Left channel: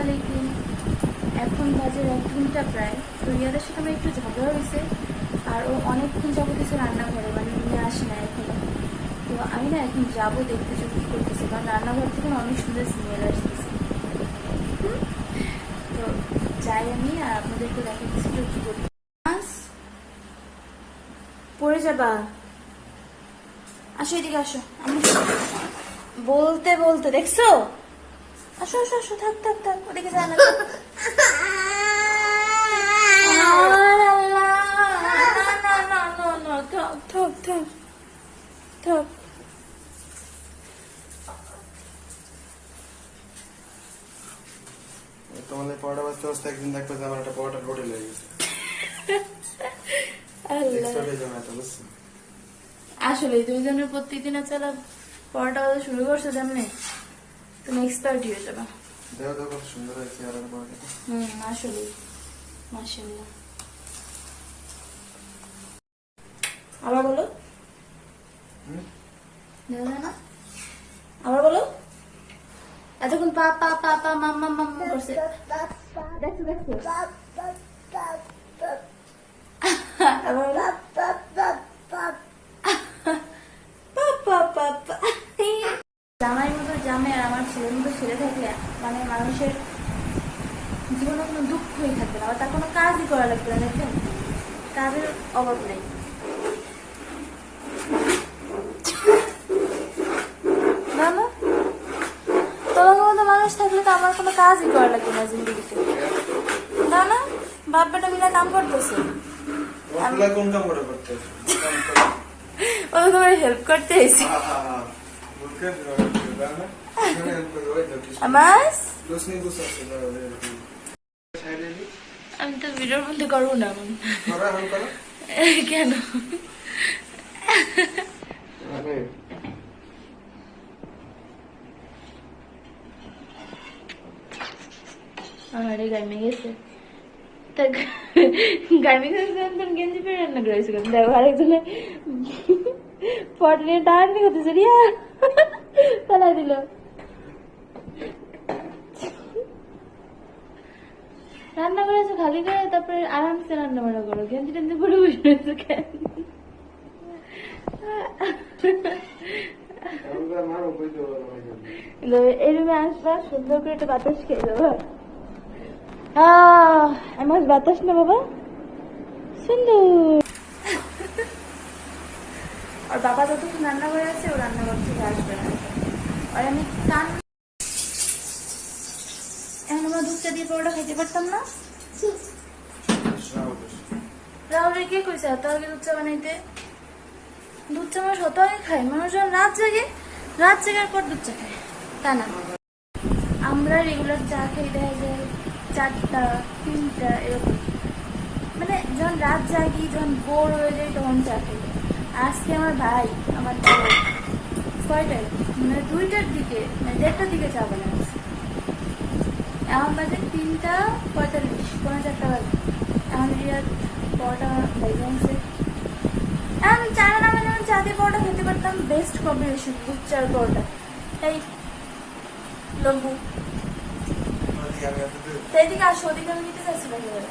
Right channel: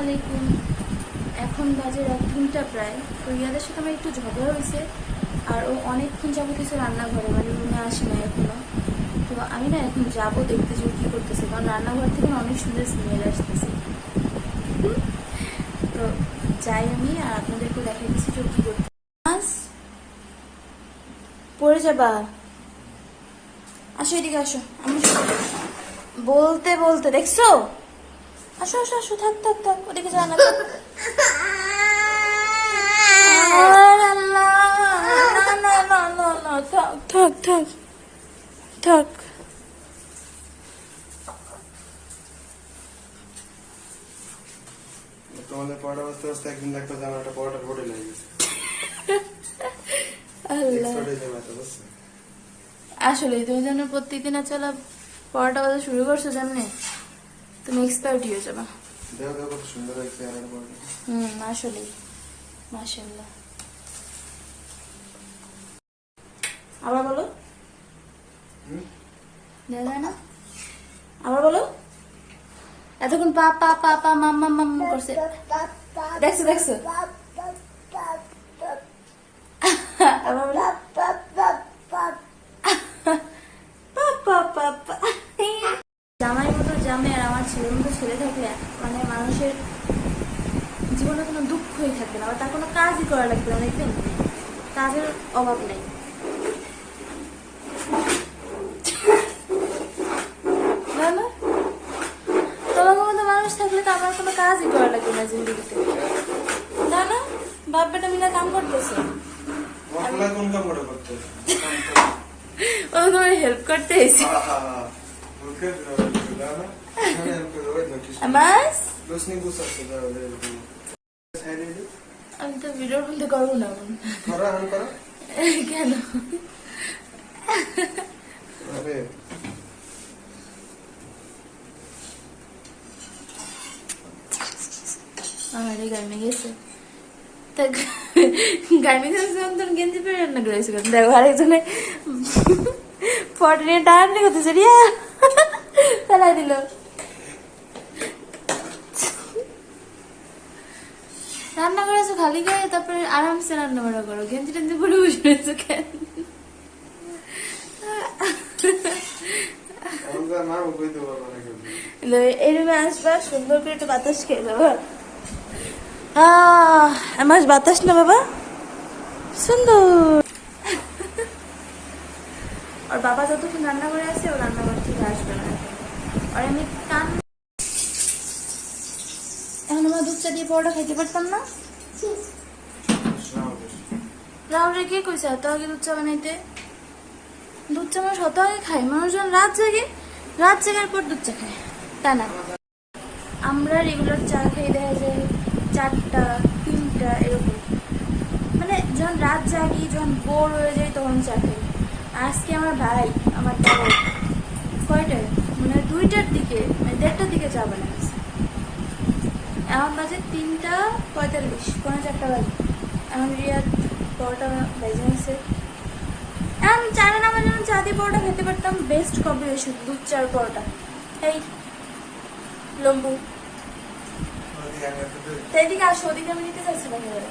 আলাইকুম এখন বাজে এক ঘণ্টা প্রায়। তো রিয়াদের সাথে আমার একটু ঝগড়া হয়েছে, আর ও অনেকক্ষণ যাব কিছু রান্নাঘরে মানে উনি আসে না এখনও। তো আমি না এখন যাব দেখতে যে কি করতেছে, কারণ রান্নাঘর থেকে অনেক সুন্দর স্মেল আসতেছে। তো যাই আমি, আর আপনাদেরকে দেখা দিচ্ছি যে কি করতে পড়ে যাবা। আসো এদিকে আসো। আমি বলতে বলতে, দেখছ? আসো আসো আসো থাক থাক থাক ওদিকে না থাক, থাক, থাক, থাক। তোমাদের পরোটা বাজতে বাজতে একদিন দেখবে যে আমার একটা পরোটার হোটেল হয়ে গেছে। আল্লাহ। এক্সপার্ট যাবে এটা বুঝছ? আসলে তুমি যেন প্রত্যেকদিন চলা পড়াটা কথা শুরু করছ যেমনি তুমি এক্সপার্ট হয়ে যাবা? দেখো দেখো কত সুন্দর হয়েছে আর হুম আসলে মাশাআল্লাহ। আবার বলো। না আবার বলো। এতক্ষণ পা পা পা পা মাম্মা মাম্মা করছে। দেখছ দেখছ আবার বলো পা পা পা পা জামাই মতো মতো ছেলে থাকলে মানে মানুষের জীবনে কোনো দুঃখই থাকবে না আবার তার কোনো কাজই করা লাগবে না দেখবেন কাজের অভাব নেই। না তোমাকে মতো মানুষ থাকলে তো আমার কোনো কাজই করা লাগবে না জিন্দগিতে। না না? বাপ বেটা মিলে কাম করতেছে। ও তোমার হেল্প করতে এসে দিও। আমি তো ভিডিওর মধ্যে করব না। কেন? আরে, আমার গার্মি গেছে। তা গার্মি গেছে তখন গেঞ্জি পরে রান্না করেছে দেখো আরেকজনে ফটো নিয়ে টানাটানি করতেছে রিয়া। ফেলাই দিল। রান্না করেছ খালি গায়ে, তারপরে আরামসে রান্না বান্না করো। গেঞ্জি টেঞ্জি পরে বসে রয়েছো কেন। এই সুন্দর করে একটু বাতাস খেয়ে আমার বাতাস না বাবা? সুন্দর। আর বাবা যতক্ষণ রান্না করে আসছে ও রান্নাঘর থেকে আসবে না। আর আমি কান আমরা দুধ চা দিয়ে পরোটা খাইতে পারতাম না। রাহুলের কে কইছে এত আগে দুধ চা বানাইতে? দুধ চা মানুষ অত আগে খায় মানুষ যখন রাত জাগে, রাত জাগার পর দুধ চা খায়। তা না। আমরা রেগুলার চা খাই, দেখা যায় চারটা, তিনটা, এরকম। মানে যখন রাত জাগি, যখন বোর হয়ে যাই তখন চা খাই। আজকে আমার ভাই, আমার বড় কয়টায়? মানে দুইটার দিকে মানে দেড়টার দিকে চা বানিয়েছে এখন বাজে তিনটা পঁয়তাল্লিশ পনেরো চারটা বাজে। এখন রিয়ার পরোটা বেজে আছে এখন চা না যেমন চা দিয়ে পরোটা খেতে পারতাম। বেস্ট কম্বিনেশন দুধ চার পরোটা। এই লম্বু। এদিকে আসো ওদিকে আমি নিতে চাইছিলাম এবারে।